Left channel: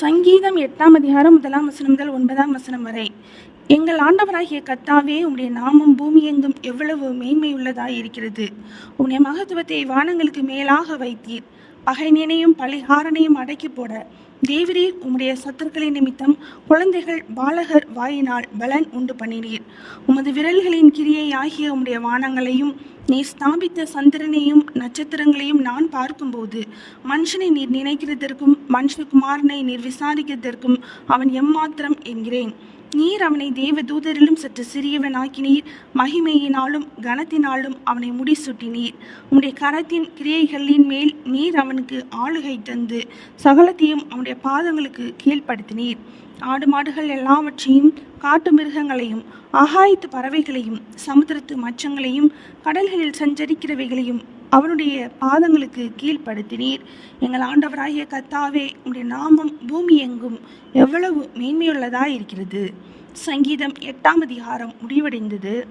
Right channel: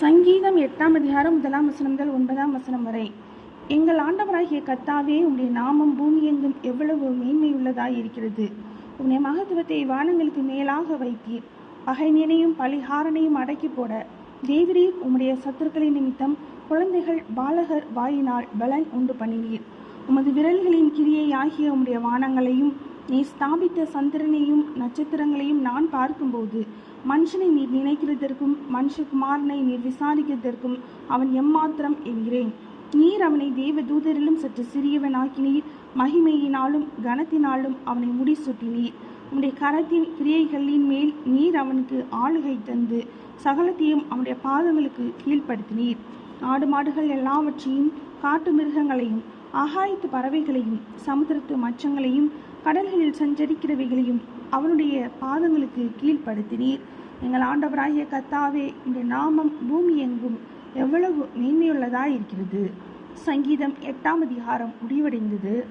சங்கீதம் எட்டாம் அதிகாரம் முதலாம் வசனம் முதல் ஒன்பதாம் வசனம் வரை. எங்கள் ஆண்டவராகிய கத்தாவே உம்முடைய நாமம் பூமி எங்கும் எவ்வளவு மேன்மையுள்ளதாய் இருக்கிறது. உம்முடைய மகத்துவத்தை வானங்களுக்கு மேலாக வைத்தீர். பகைஞனையும் பலிகாரனையும் அடக்கி போட. தேவரீர் உம்முடைய சத்துருக்களின் நிமித்தம் குழந்தைகள் பாலகர் வாயினால் பலன் உண்டு பண்ணினீர். உமது விரல்களின் கிரியை ஆகிய உம்முடைய வானங்களையும் நீ ஸ்தாபித்த சந்திரனையும் நட்சத்திரங்களையும் நான் பார்க்கும்போது மனுஷனை நீர் நினைக்கிறதற்கும் மனுஷகுமாரனை நீர் விசாரிக்கிறதற்கும் அவன் எம்மாத்திரம் என்கிறேன். நீர் அவனை தேவ தூதரிலும் சற்று சிறியவனாக்கினீர். மகிமையினாலும் கனத்தினாலும் அவனை முடிசூட்டினீர். உம்முடைய கரத்தின் கிரியைகளின் மேல் நீர் அவனுக்கு ஆளுகை தந்து சகலத்தையும் அவனுடைய பாதங்களுக்கு கீழ்ப்படுத்தினீர். ஆடு மாடுகள் எல்லாவற்றையும் காட்டு மிருகங்களையும் ஆகாயத்து பறவைகளையும் சமுத்திரத்து மச்சங்களையும் கடல்களில் சஞ்சரிக்கிறவைகளையும் அவனுடைய பாதங்களுக்கு கீழ்ப்படுத்தினீர். எங்கள் ஆண்டவராகிய கத்தாவே உடைய நாமம் பூமி எங்கும் எவ்வளவு மேன்மையுள்ளதாக இருக்கிறது சங்கீதம் எட்டாம் அதிகாரம் முடிவடைந்தது.